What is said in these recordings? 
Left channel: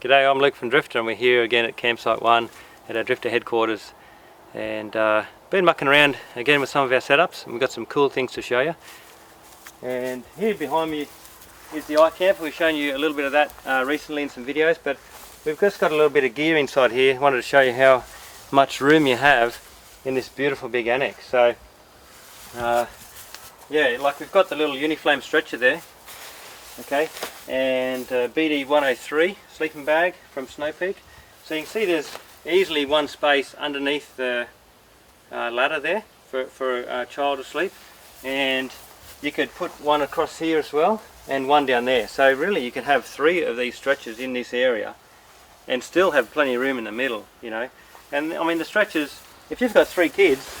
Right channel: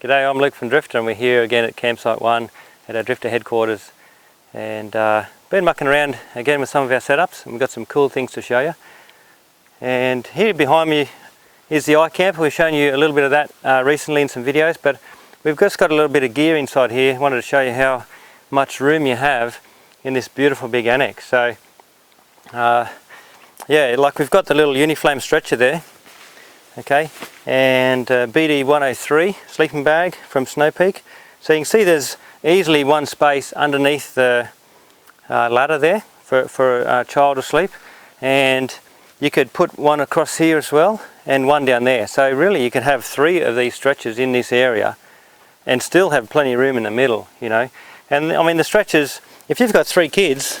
G'day, I'm Luke from Drifta and we're here again at Campsite 1 at our Drifta headquarters, and been mucking around again with some of our setups, and we've got some cool things to show you. And here behind me is the iKAMPER. We've shown you a little bit of that recently in some videos, but we've just got a little bit of gear inside here. I wanted to show you how much room you have in this beautiful big annex. So yeah, like we've got the little UNIFLAME stretcher there, okay, and BD 103 sleeping bag from Snow Peak. So you can see there's easily one space underneath the ladder there for a child to sleep, and you could put one across here as well and one down there. So really you can have 3 of these stretchers in this area and still have plenty of room in the middle, you know. And I mean, the stretchers, if you've got 3 kids,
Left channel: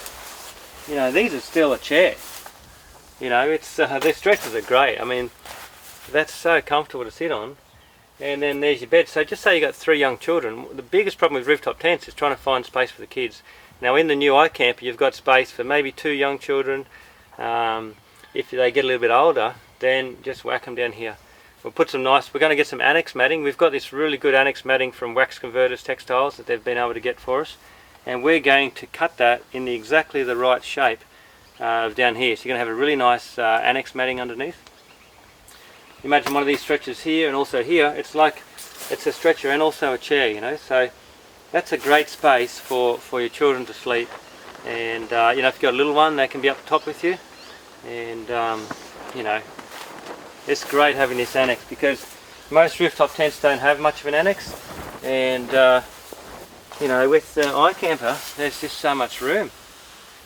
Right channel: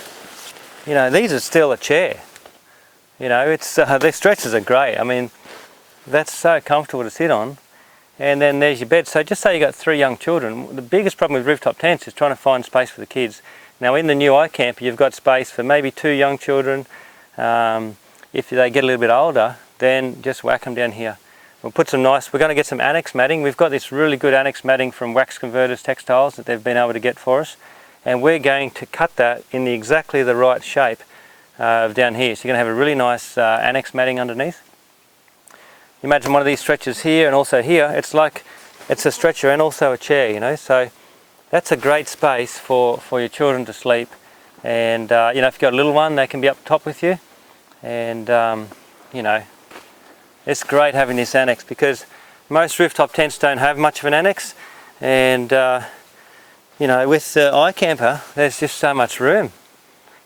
you know, these are still a chair. You know, it's these stretchers are great. I mean, that's so comfortable to sit on. And then there's your bed. So just say you got 3 young children. The biggest problem with rooftop tents is trying to find space for the kids. Now in the new iKAMPER you've got space for maybe 2 young children. If they get a little bit older, then just whack them down here. We'll put some nice, we're going to get some annex matting. We've got this really good annex matting from Wax Converters Textiles that they've been able to get for us. And we're going to cut that in exactly the right shape down here. So you're going to have a really nice annex matting underneath. Imagine one of these stretchers here and also here. It's like it's a stretcher and also a chair, you know. So that's a great space for your children to sleep. And you know, if you've got a little one, they can be up top with you. And you know, it's great having this annex because most rooftop tents don't have much of an annex. And you know, with the iKAMPER, there's just so much room.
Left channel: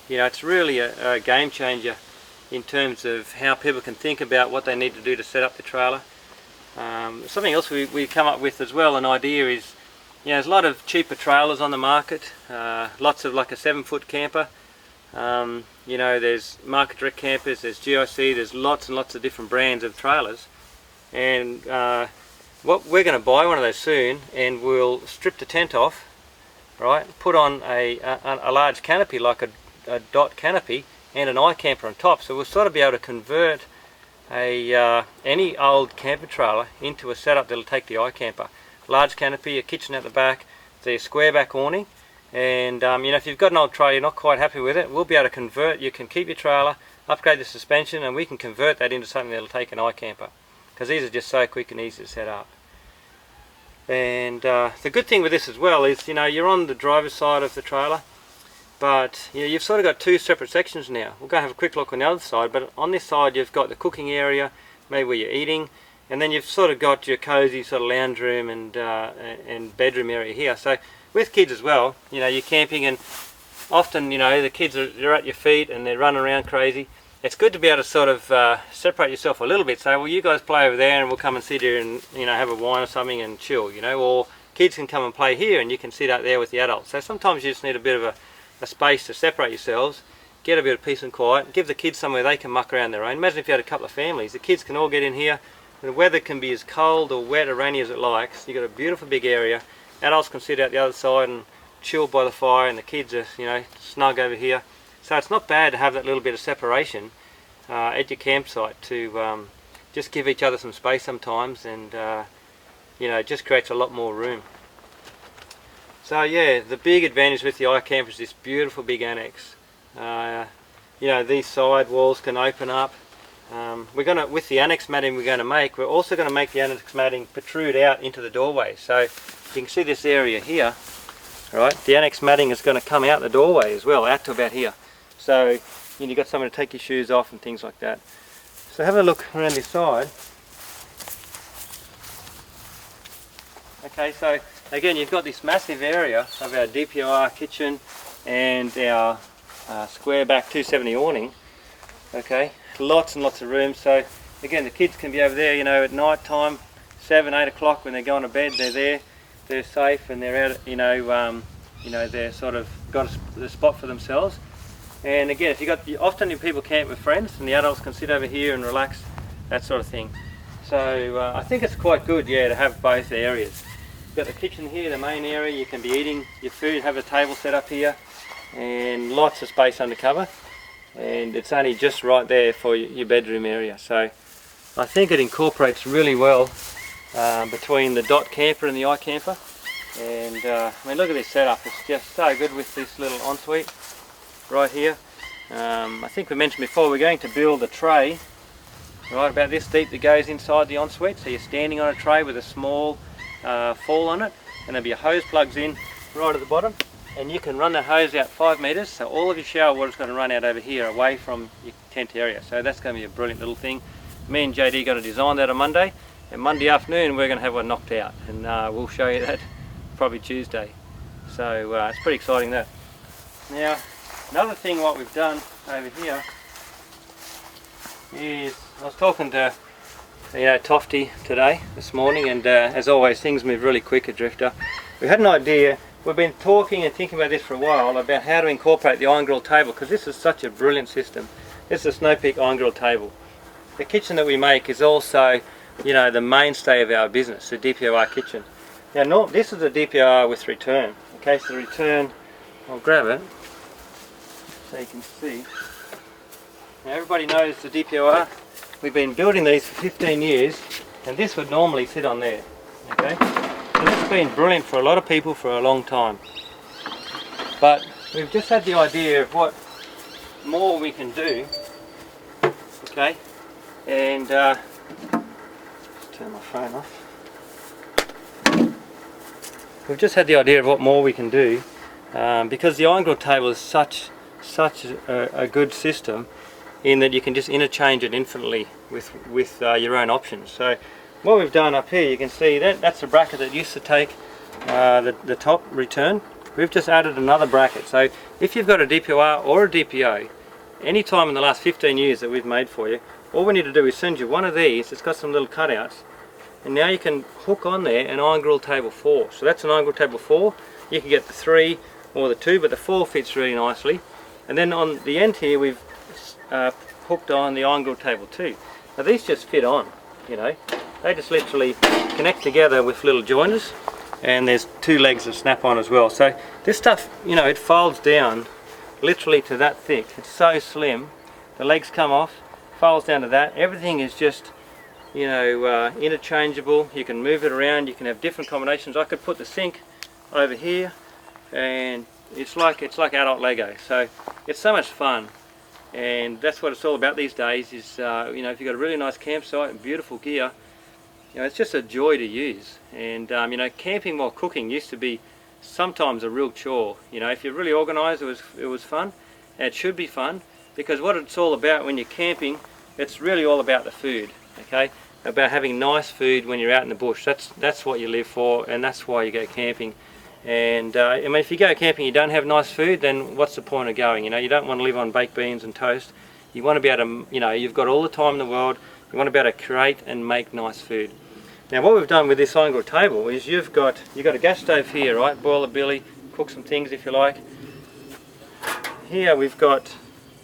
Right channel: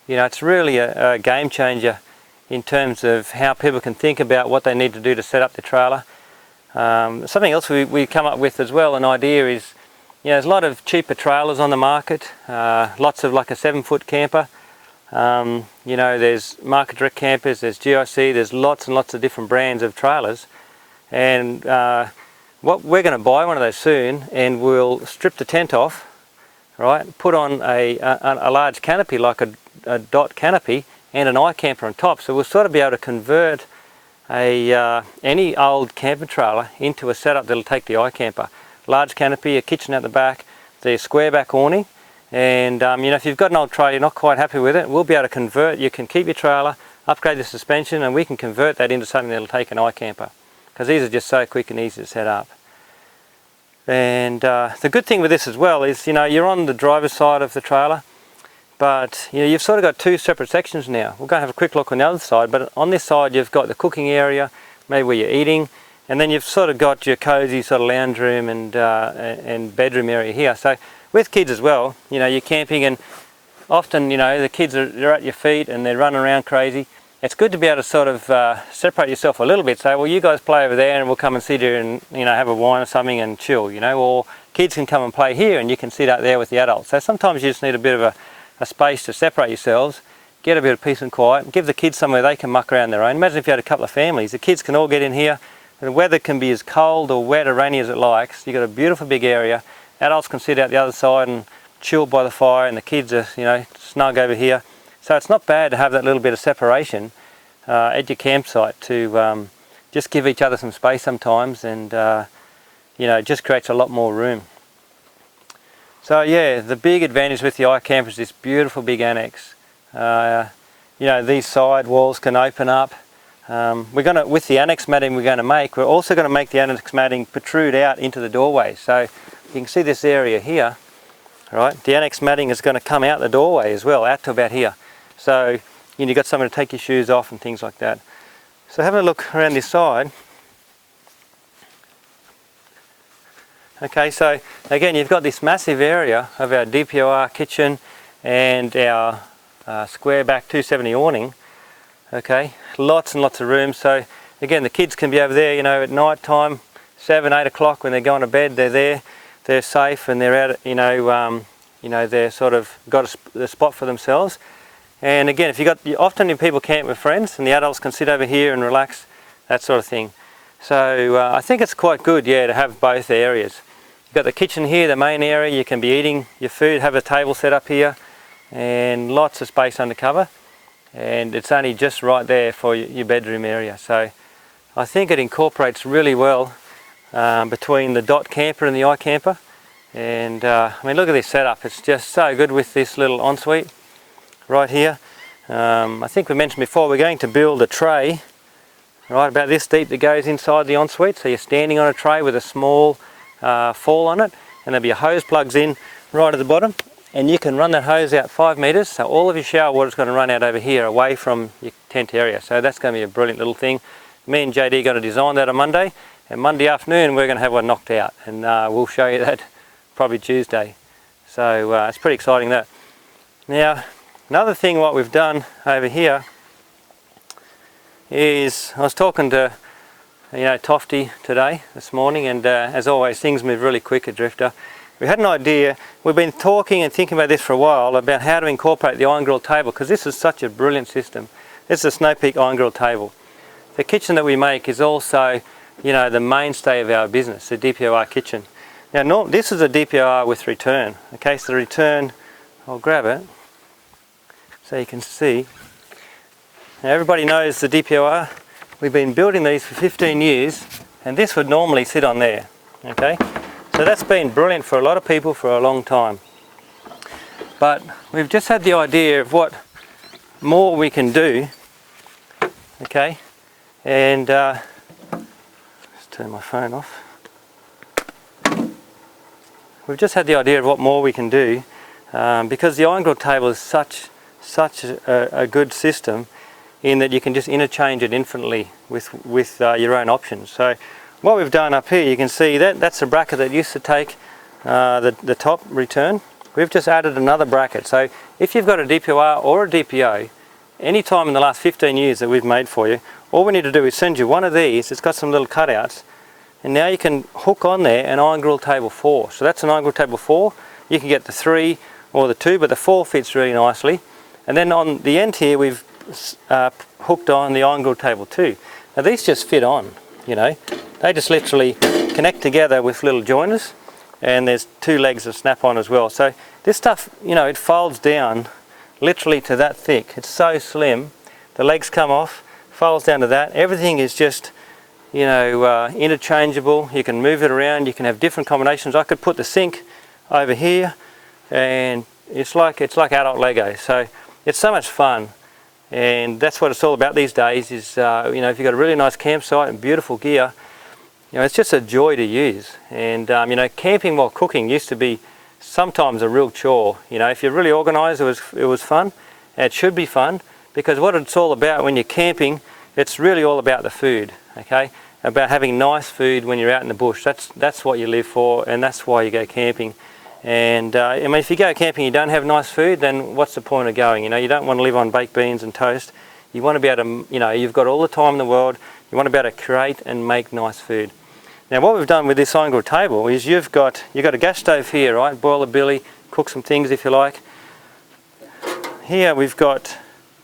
You know, it's really a game changer in terms of how people can think about what they need to do to set up the trailer. Something else we come up with as well, an idea is, you know, there's a lot of cheaper trailers on the market, lots of like a 7-foot camper. You know, there's market direct campers, there's GIC, there's lots and lots of different brands of trailers. And what we're going to buy one of those soon, and we'll strip the tent off, right, put on a large canopy like a dot canopy and an iKAMPER on top, so we'll sort of be able to convert any old camper trailer into a setup that'll take the iKAMPER. Large canopy, a kitchen at the back, the square back awning, and you know, if you've got an old trailer you're not quite happy with it, we'll be able to convert. You can keep your trailer, upgrade the suspension, and we can convert that into something that'll take an iKAMPER, because these are just so quick and easy to set up. And the good thing with this as well is, you know, you're on the driver's side of the trailer, but you know, you've sort of got 2 separate sections now. We'll go have a quick look on the other side, but on this side you've got the cooking area, maybe where you're eating, and then you've sort of got your cozy sort of lounge room and bedroom area here. So with kids as well, you know, you're camping and often, you know, the kids they're at your feet and they're running around crazy. It's good to be able to sort of separate yourself a little bit. So, well, you guys play over there and we'll come and sit here and, you know, have a wine or something and chill, you know, or kids can come and play here and you can sit out there with the adults. So sometimes you just need a bit of a space to separate yourselves, get a bit of peace and quiet, and give the kids somewhere they can muck around their own. Imagine if you had a couple of families, the kids can all get in here, and the weather can be as cold or wet or rainy as it likes. You've got a beautiful big area, adults can sit out the other side and chill by the fire, and the kids are, you know, snug over here. So it's not bad to have that little bit of separation at your campsite to just give each other some space sometimes, and you know, it just creates a lot more room. So yeah, the big advantage with the iKAMPER is this beautiful big annex. You know, these side walls can open up. We're going to, with the annex matting we're also going to make the annex matting protrude out into the doorway. So you can see this area here, right? The annex matting is going to come out the doorway as well, out to about here. So you know, you've got somewhere to take your shoes off and things like that. So have a look around this side. Okay, so again, you've got this massive area of our DPOR kitchen and our square back 270 awning. Okay, lots and lots of room. So again, the kids can be over there, you know, at night time, 7, 8 o'clock when they're going to bed. They're there, they're safe, and they're out. You know, they're sort of got a spot for themselves. And again, if you got, often people camp with friends, and the adults can sit over here and relax, that sort of thing. So I think it's quite good, yeah, to have both areas. You've got the kitchen here, the main area. You can be eating your food, have a table set up here, and lots of space under cover. And it's only just right there for your bedroom area. So I think it incorporates really well between the DOT camper and the iKAMPER. And I mean, look at this setup, it's just so good with this little ensuite right here. I think we mentioned before, we're going to build a tray right about this deep that goes inside the ensuite. So you're standing on a tray with a small fall on it, and there'll be a hose plugs in right at the bottom, and you can run that hose out 5 meters, so all of your shower water is going to run out over here away from your tent area. So that's going to be a brilliant little thing. Me and JD are going to design that on Monday, and Monday afternoon we're going to have one knocked out, and we'll show you that probably Tuesday. So it's pretty exciting, that. Now another thing what we've done over here is, I was talking to Tofty today, this morning, and as always things move really quick at Drifta. We had an idea, we've been talking and thinking about this for a while, about how to incorporate the iron grill table, because this is such a brilliant system. This is a Snow Peak iron grill table. The kitchen that we make is also, the mainstay of our business, the DPOR kitchen. Now this is a DPOR with return. Okay, so the return, I'll grab it so you can see. Now everybody knows the DPOR. We've been building these for 15 years, and this would normally sit on there. Okay, so that's been brilliant for a lot of people for a long time. But we've just had the idea of what more we can do. Okay, and let's turn my phone off. We've just had the idea of what more we can do, because the iron grill table is such a good system, in that you can just interchange it infinitely with your own options. So what we've done up here, you can see that's a bracket that used to take the top return. We've just added another bracket. So if you've got a DPOR or a DPO, any time in the last 15 years that we've made for you, all we need to do is send you one of these. It's got some little cutouts, and now you can hook on there an iron grill table 4. So that's an iron grill table 4. You can get the 3 or the 2, but the 4 fits really nicely. And then on the end here we've hooked on the iron grill table 2. Now these just fit on, they just literally connect together with little joiners, and there's 2 legs that snap on as well. So this stuff, it folds down literally to that thick. It's so slim. The legs come off, folds down to that. Everything is just interchangeable. You can move it around, you can have different combinations. I could put the sink over here, and it's like adult Lego. So it's so much fun, and that's what it's all about these days. Is if you've got a really nice campsite and beautiful gear, it's just a joy to use. And camping while cooking used to be sometimes a real chore. If you're really organised, it was fun. And it should be fun, because what it's all about when you're camping, it's really all about the food. Okay, about having nice food when you're out in the bush. That's what you live for, and that's why you go camping. And if you go camping and you don't have nice food, then what's the point of going? You don't want to live on baked beans and toast. You want to be able to, you've got all the time in the world. You want to be able to create and make nice food. Now what we've done with this iron grill table is you've got a gas stove here, right? Boil a billy, cook some things if you like. Here we've got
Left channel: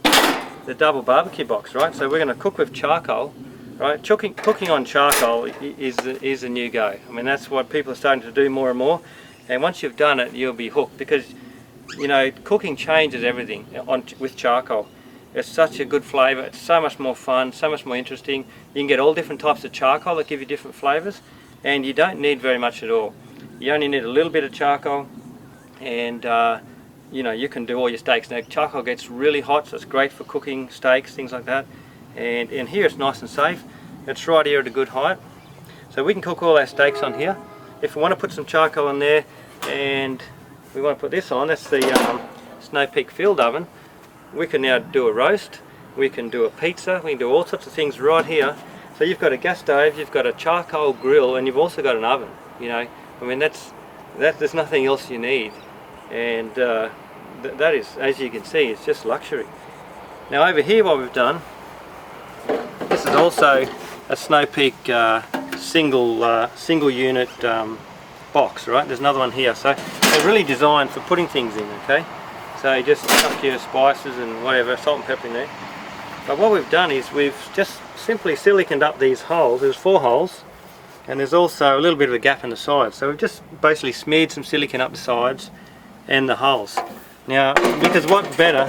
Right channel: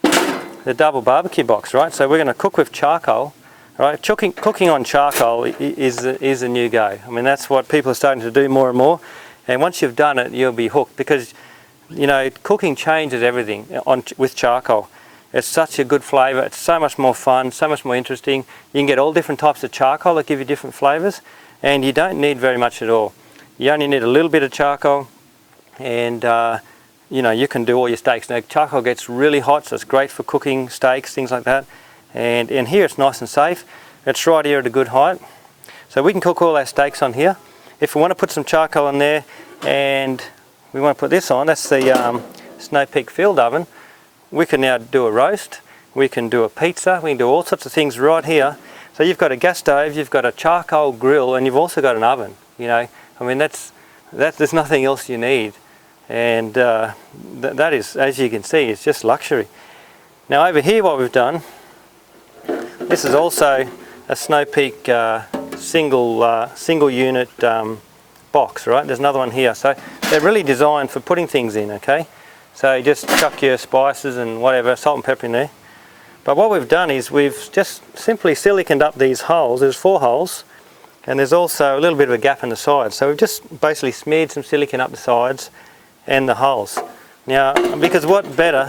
the double barbecue box, right? So we're going to cook with charcoal. Right, cooking on charcoal is a new go. I mean, that's what people are starting to do more and more. And once you've done it, you'll be hooked, because cooking changes everything with charcoal. It's such a good flavour. It's so much more fun, so much more interesting. You can get all different types of charcoal that give you different flavours, and you don't need very much at all. You only need a little bit of charcoal, and you can do all your steaks. Now charcoal gets really hot, so it's great for cooking steaks, things like that. And in here it's nice and safe. It's right here at a good height, so we can cook all our steaks on here. If we want to put some charcoal in there and we want to put this on, that's the Snow Peak field oven. We can now do a roast, we can do a pizza, we can do all sorts of things right here. So you've got a gas stove, you've got a charcoal grill, and you've also got an oven. I mean, there's nothing else you need. And that is, as you can see, it's just luxury. Now over here what we've done, this is also a Snow Peak single unit box, right? There's another one here. So they're really designed for putting things in, okay? So you just chuck your spices and whatever, salt and pepper in there. But what we've done is we've just simply siliconed up these holes. There's 4 holes, and there's also a little bit of a gap in the sides. So we've just basically smeared some silicone up the sides and the holes. Now, because what better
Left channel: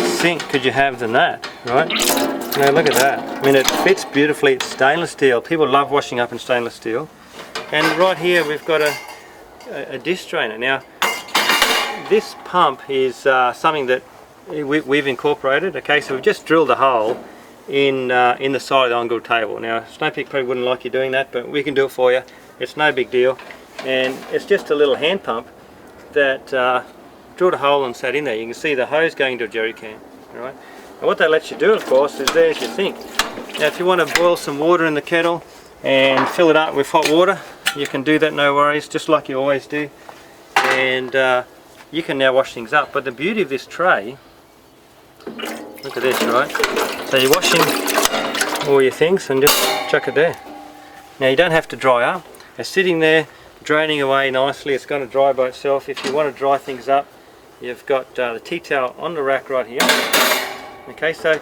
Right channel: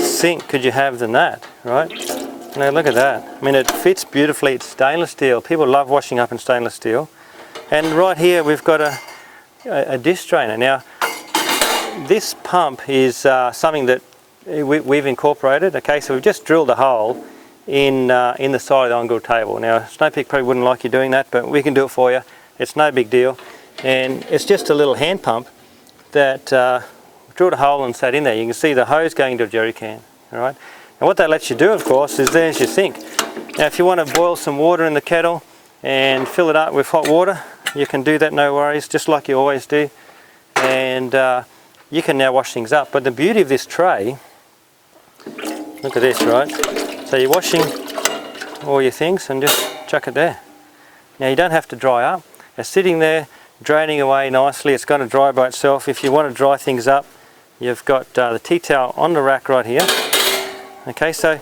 sink could you have than that, right? Now look at that. I mean, it fits beautifully. It's stainless steel. People love washing up in stainless steel. And right here we've got a disc drainer. Now this pump is something that we've incorporated. Okay, so we've just drilled a hole in the side of the on-grid table. Now Snow Peak probably wouldn't like you doing that, but we can do it for you. It's no big deal, and it's just a little hand pump that drilled a hole and sat in there. You can see the hose going to a jerry can. All right, and what that lets you do, of course, is there's your sink. Now if you want to boil some water in the kettle and fill it up with hot water, you can do that, no worries, just like you always do. And you can now wash things up. But the beauty of this tray, look at this, right? So you're washing all your things and just chuck it there. Now you don't have to dry up. They're sitting there, draining away nicely. It's going to dry by itself. If you want to dry things up, you've got the tea towel on the rack right here. Okay, so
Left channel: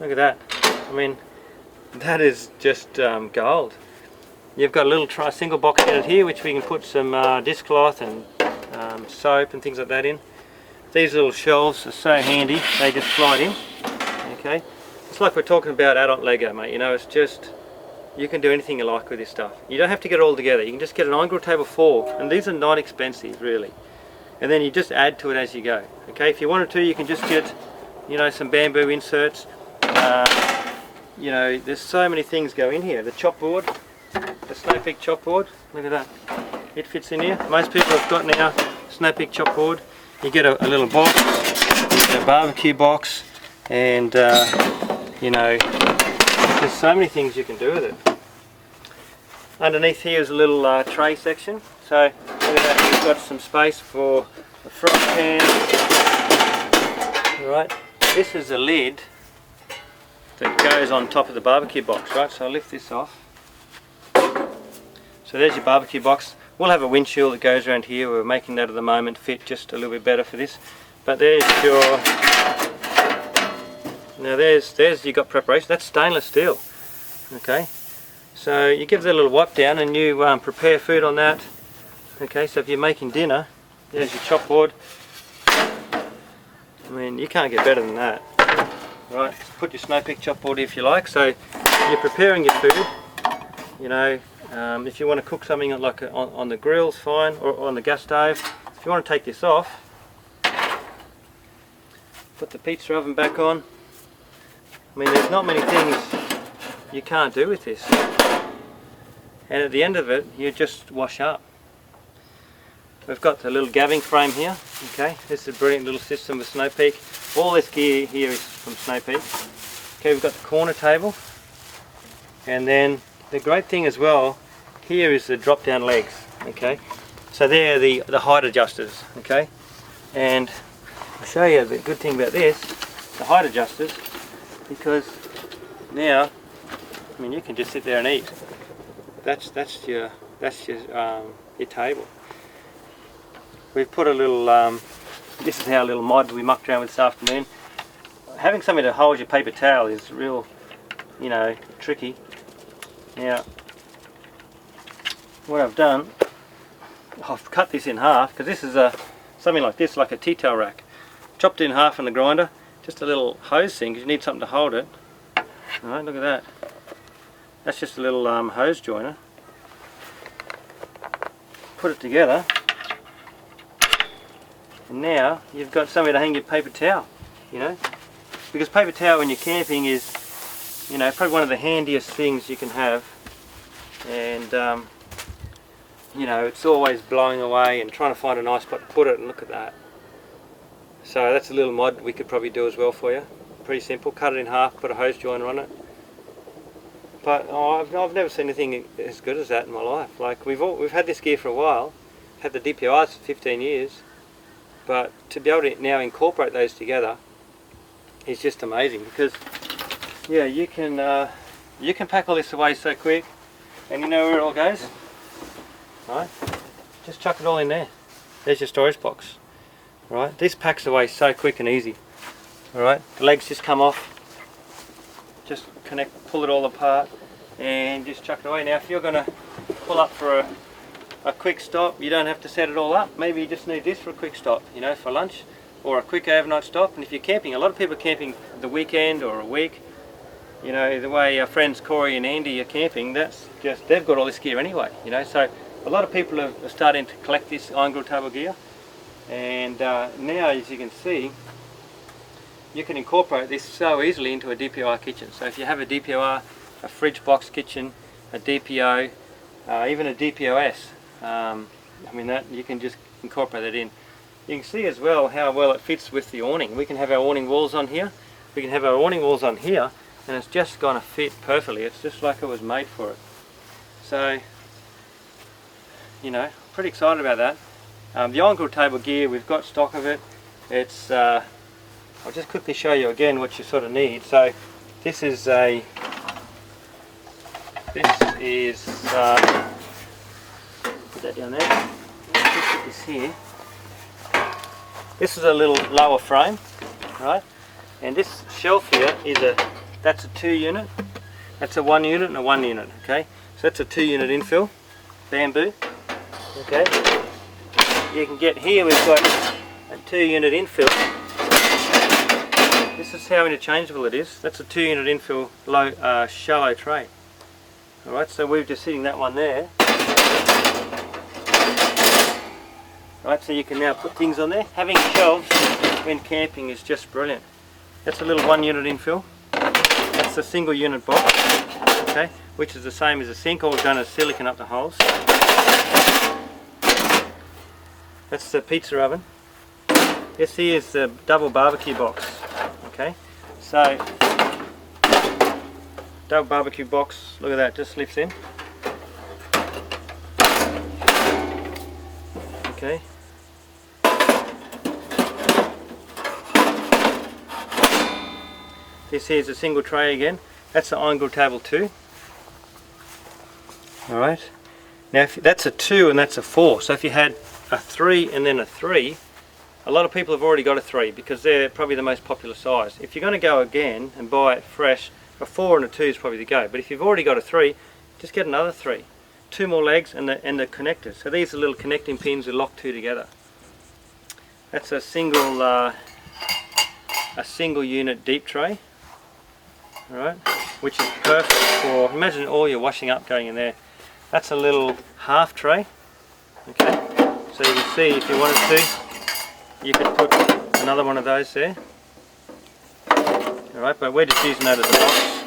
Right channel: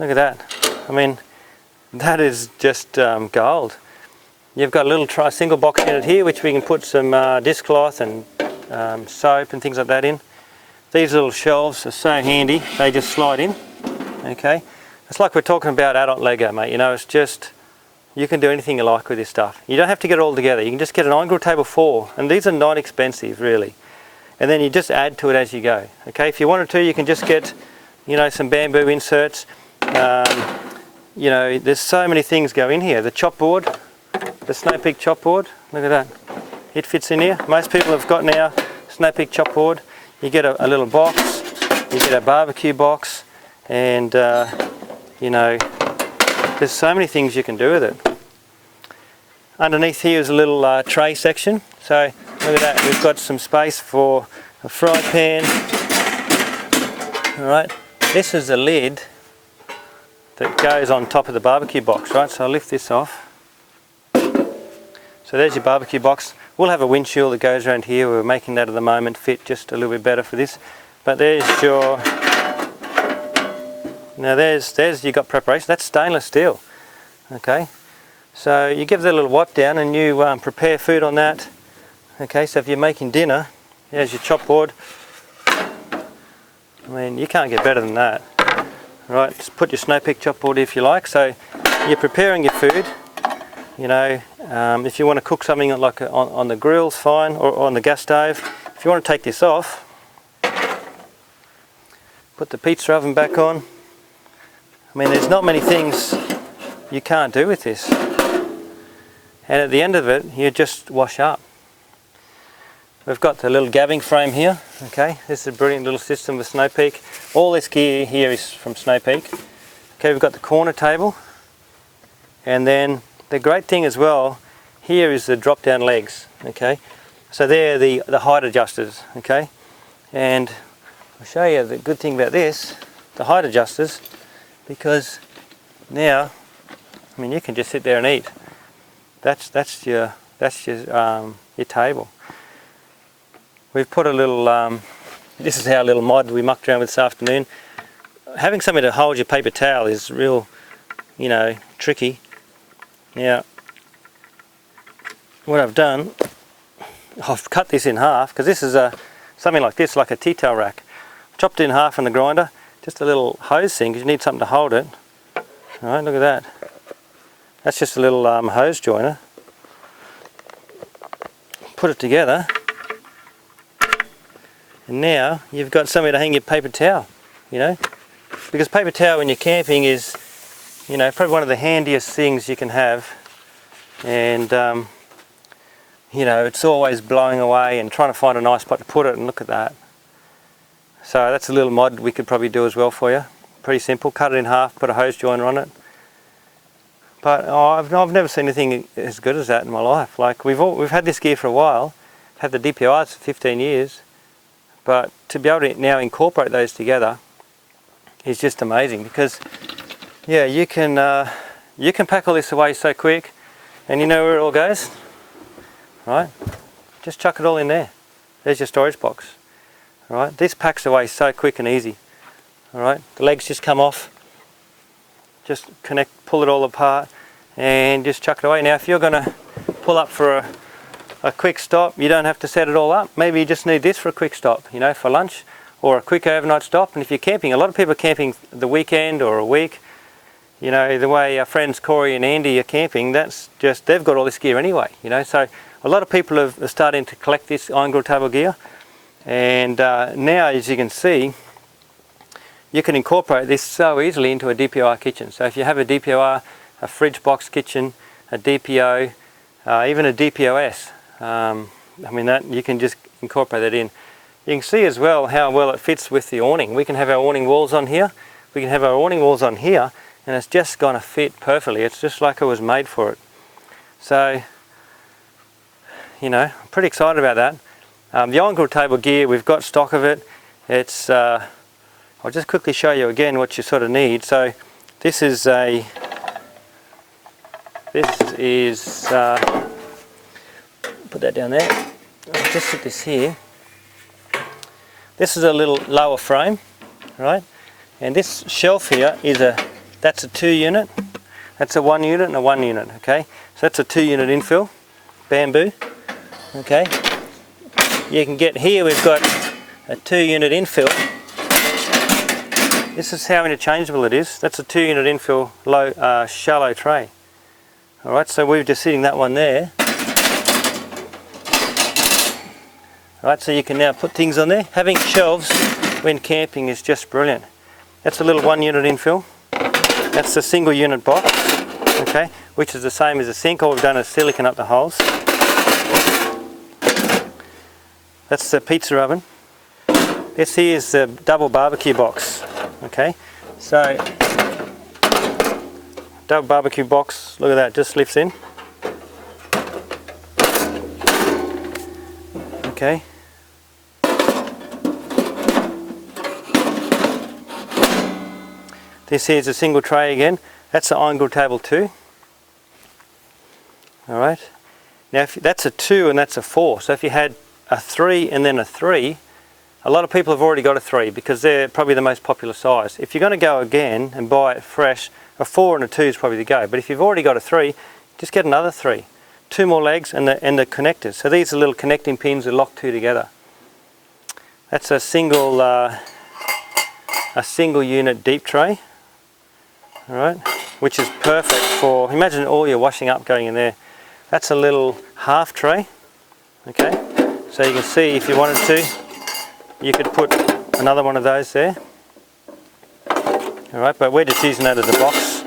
look at that. I mean, that is just gold. You've got a little single box unit here, which we can put some dishcloth and soap and things like that in. These little shelves are so handy, they just slide in. Okay, it's like we're talking about adult Lego, mate. You know, it's just, you can do anything you like with this stuff. You don't have to get it all together. You can just get an on-grid table 4, and these are not expensive really. And then you just add to it as you go. Okay, if you wanted to, you can just get, you know, some bamboo inserts. You know, there's so many things go in here. The chop board, the Snow Peak chop board, look at that. It fits in here. Most people have got now Snow Peak chop board. You get a little box, you get a barbecue box, and you know, there's so many things you can do with it. Underneath here is a little tray section. So look at that, we've got some space for a fry pan. Alright, this is the lid that goes on top of the barbecue box, right? So I'll lift this off. So there's your barbecue box. We'll have a windshield that goes around here. We're making that at the moment fit just a little bit better for this. But there's your, now there's you got preparation. That's stainless steel. Okay, so you give that a little wipe down and you prepare food on that. Okay, so if you're making dinner, there's your chop board. I mean, you can't get better than that. Right, just put your Snow Peak chop board if you like. So you're preparing your food. You know, if you want to cook something like on the grills, fine, or on the gas stove. If you want to take this off, put the pizza oven back on. I mean, there's not many things you can't do with this. And at the end of it, you just wash up. We've got the little gabbing frame here. Okay, this is a brilliant little system with Snow Peak. All this gear here is from Snow Peak. Okay, we've got the corner table, and then the great thing as well here is the drop down legs. Okay, so they're the height adjusters. Okay, and I'll show you the good thing about this, the height adjusters, because now, I mean, you can just sit there and eat. That's your table. We've put a little, this is our little mod we mucked around with this afternoon. Having something to hold your paper towel is real, you know, tricky. Now, what I've done, I've cut this in half, because this is something like this, like a tea towel rack. Chopped it in half in the grinder, just a little hose thing, because you need something to hold it. Alright, look at that. That's just a little hose joiner. Put it together. And now you've got somewhere to hang your paper towel, you know, because paper towel when you're camping is, you know, probably one of the handiest things you can have, and you know, it's always blowing away and trying to find a nice spot to put it, and look at that. So that's a little mod we could probably do as well for you. Pretty simple, cut it in half, put a hose joiner on it. But I've never seen anything as good as that in my life. Like we've had this gear for a while, had the DPORs for 15 years. But to be able to now incorporate those together is just amazing, because yeah, you can pack all this away so quick, and you know where it all goes, right? Just chuck it all in there. There's your storage box, right? This packs away so quick and easy, all right? The legs just come off, just pull it all apart, and just chuck it away. Now, if you're going to pull up for a quick stop, you don't have to set it all up. Maybe you just need this for a quick stop, you know, for lunch, or a quick overnight stop. And if you're camping, a lot of people are camping the weekend or a week, you know, the way our friends Corey and Andy are camping, that's just, they've got all this gear anyway, you know. So a lot of people are starting to collect this iron grill table gear, and now, as you can see, you can incorporate this so easily into a DPOR kitchen. So if you have a DPOR, a fridge box kitchen, a DPO, even a DPOS, I mean, that you can just incorporate that in. You can see as well how well it fits with the awning. We can have our awning walls on here, we can have our awning walls on here, and it's just going to fit perfectly. It's just like it was made for it. So, you know, I'm pretty excited about that. The iron grill table gear, we've got stock of it. It's I'll just quickly show you again what you sort of need. So this is put that down there. I'll just put this here. This is a little lower frame, right? And this shelf here is that's a 2 unit. That's a 1 unit and a 1 unit, okay? So that's a 2 unit infill, bamboo, okay? You can get here, we've got a 2 unit infill. This is how interchangeable it is. That's a 2 unit infill low, shallow tray. Alright, so we're just sitting that one there. Alright, so you can now put things on there. Having shelves when camping is just brilliant. That's a little 1 unit infill. That's a single unit box, okay, which is the same as a sink. All we've done is silicone up the holes. That's the pizza oven. This here is the double barbecue box, okay. So, double barbecue box, look at that, just lifts in. Okay. This here is a single tray again. That's an iron grill table 2. Alright. Now if that's a 2 and that's a 4, so if you had a 3 and then a 3, a lot of people have already got a 3 because they're probably the most popular size. If you're going to go again and buy it fresh, a 4 and a 2 is probably the go. But if you've already got a 3, just get another 3. 2 more legs and the connectors. So these are little connecting pins that lock 2 together. That's a single unit deep tray. Alright, which is perfect for, imagine all your washing up going in there. That's a little half tray, okay, so you can see if you wanted to, you could put another one of those there. Alright, but we're just using that as a box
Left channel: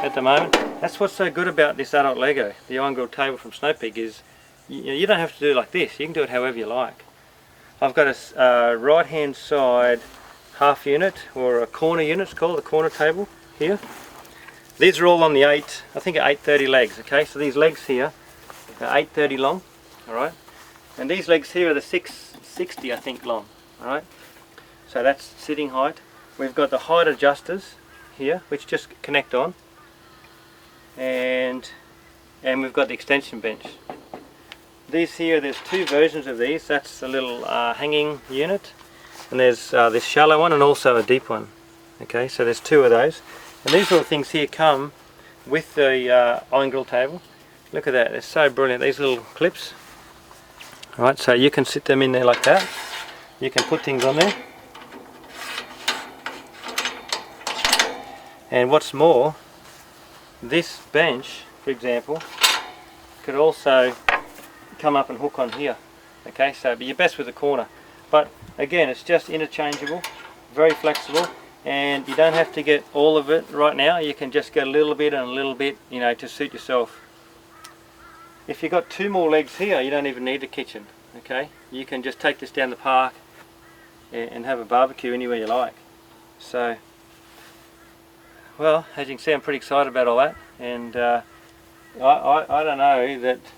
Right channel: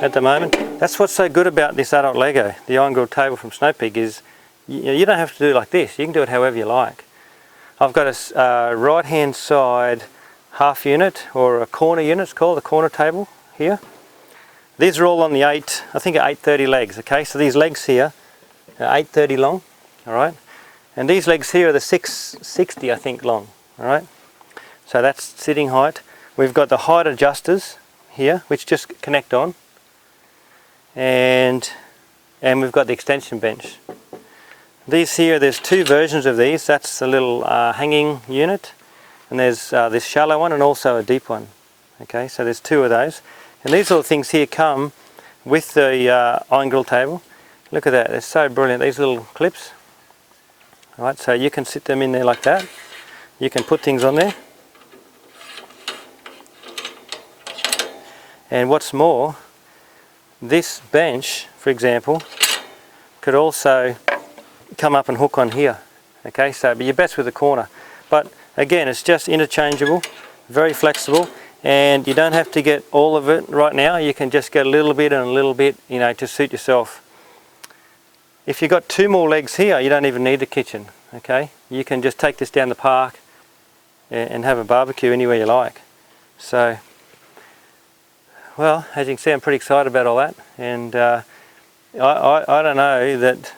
at the moment. That's what's so good about this adult Lego, the iron grill table from Snow Peak, is you don't have to do it like this, you can do it however you like. I've got a right hand side half unit, or a corner unit, it's called a corner table here. These are all on the 830 legs, okay, so these legs here are 830 long, alright, and these legs here are the 660 I think long, alright, so that's sitting height. We've got the height adjusters here which just connect on, and we've got the extension bench. These here, there's 2 versions of these. That's a little hanging unit, and there's this shallow one and also a deep one, okay, so there's 2 of those. And these little things here come with the iron grill table. Look at that, they're so brilliant, these little clips. Right, so you can sit them in there like that. You can put things on there. And what's more, this bench, for example, could also come up and hook on here. Okay, so but you're best with the corner. But again, it's just interchangeable, very flexible. And you don't have to get all of it right now, you can just get a little bit and a little bit, you know, to suit yourself. If you've got 2 more legs here, you don't even need a kitchen, okay? You can just take this down the park and have a barbecue anywhere you like. So, well, as you can see, I'm pretty excited about all that. And I don't know that,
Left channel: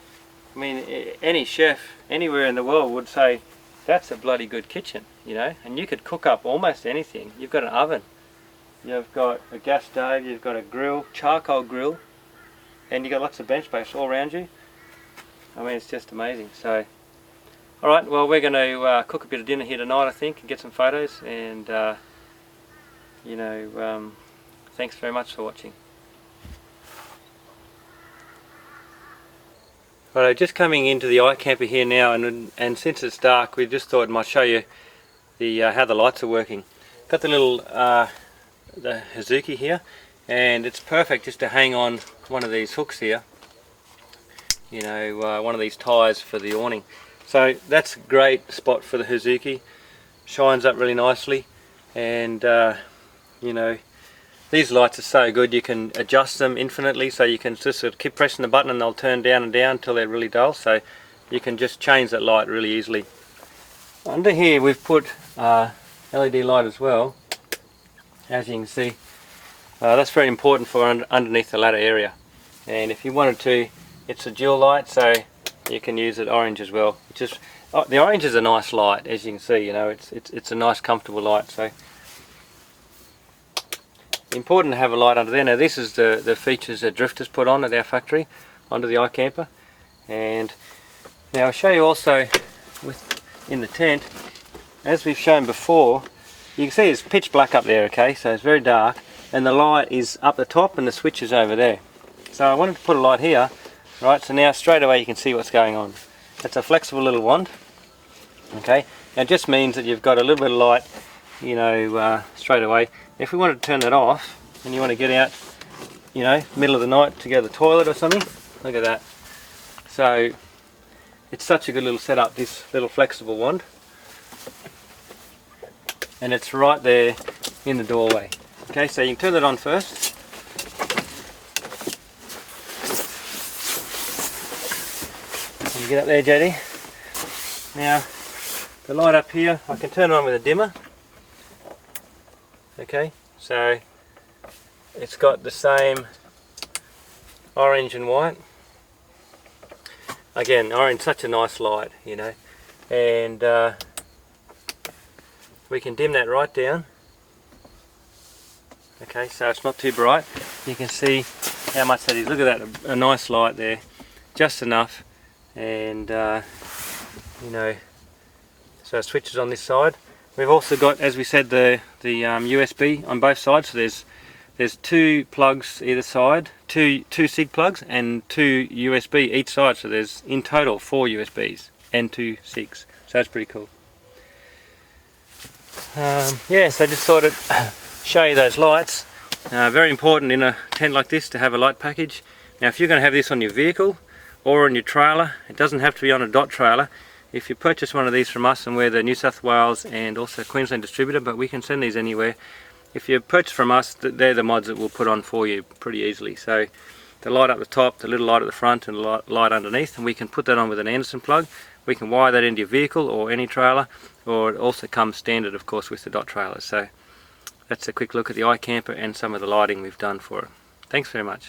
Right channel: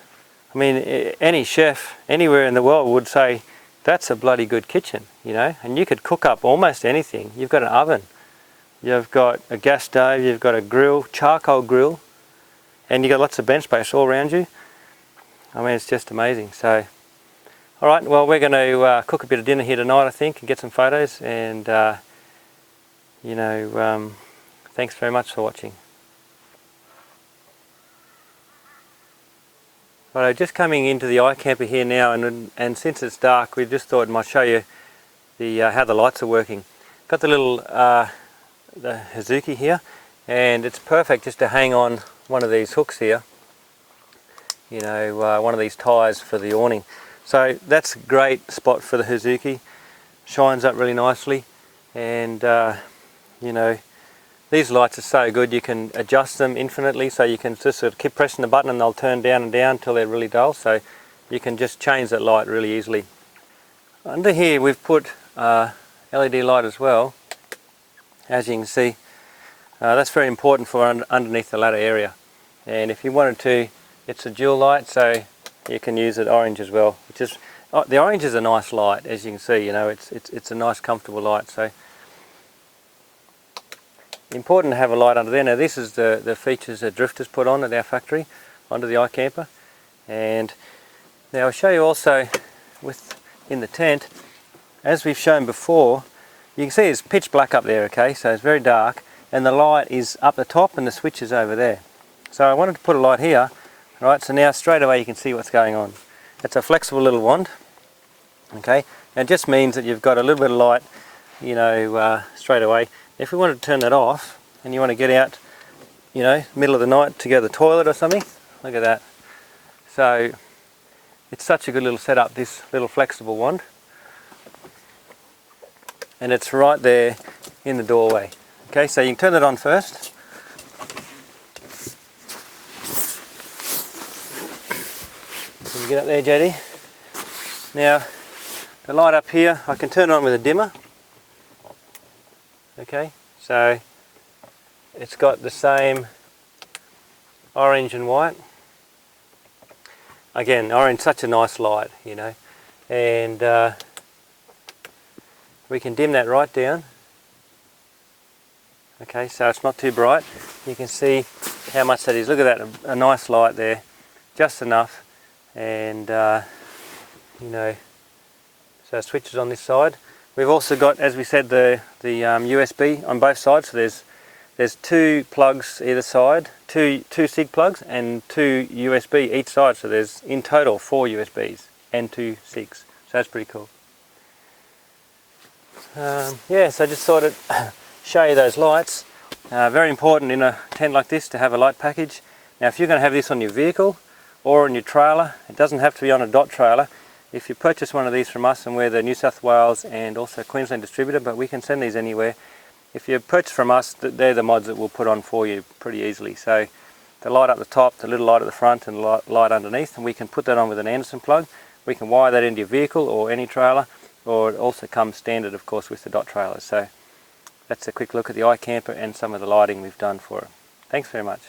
I mean, any chef anywhere in the world would say, that's a bloody good kitchen, you know, and you could cook up almost anything. You've got an oven, you've got a gas stove, you've got a grill, charcoal grill, and you've got lots of bench space all around you. I mean, it's just amazing. So, alright, well, we're going to cook a bit of dinner here tonight, I think, and get some photos, and, you know, thanks very much for watching. Right, just coming into the iKAMPER here now, and since it's dark, we just thought I might show you the how the lights are working. Got the little the HOZUKI here, and it's perfect just to hang on one of these hooks here, you know, one of these ties for the awning. So that's a great spot for the HOZUKI. Shines up really nicely, and you know, these lights are so good you can adjust them infinitely, so you can just sort of keep pressing the button and they'll turn down and down until they're really dull, so you can just change that light really easily. Under here we've put LED light as well, as you can see. That's very important for underneath the ladder area, and if you wanted to, it's a dual light, so you can use it orange as well. The orange is a nice light, as you can see. You know, it's a nice comfortable light. So important to have a light under there. Now this is the features that Drifta's put on at our factory onto the iKAMPER, and now I'll show you also in the tent, as we've shown before. You can see it's pitch black up there, okay, so it's very dark, and the light is up the top and the switch is over there. So I wanted to put a light here, right, so now straight away you can see what's going on. It's a flexible little wand, okay, now it just means that you've got a little bit of light, you know, straight away. If we want to turn that off and you want to get out, you know, middle of the night to go to the toilet or something, look at that. So it's such a good little setup, this little flexible wand, and it's right there in the doorway. Okay, so you can turn that on first. Can you get up there, JD? Now the light up here I can turn on with a dimmer. Okay, so it's got the same orange and white. Again, orange, such a nice light, you know, and we can dim that right down. Okay, so it's not too bright. You can see how much that is. Look at that, a nice light there, just enough. And you know, so switches on this side. We've also got, as we said, the USB on both sides. So there's two plugs either side, two SIG plugs and two USB each side. So there's in total 4 USBs and 2 SIGs. So that's pretty cool. Yeah, so I just thought I'd show you those lights. Very important in a tent like this to have a light package. Now if you're going to have this on your vehicle or on your trailer, it doesn't have to be on a dot trailer. If you purchase one of these from us, and we're the New South Wales and also Queensland distributor, but we can send these anywhere. If you purchase from us, they're the mods that we'll put on for you pretty easily. So the light up the top, the little light at the front, and the light underneath, and we can put that on with an Anderson plug. We can wire that into your vehicle or any trailer, or it also comes standard, of course, with the dot trailers. So that's a quick look at the iKAMPER and some of the lighting we've done for it. Thanks very much.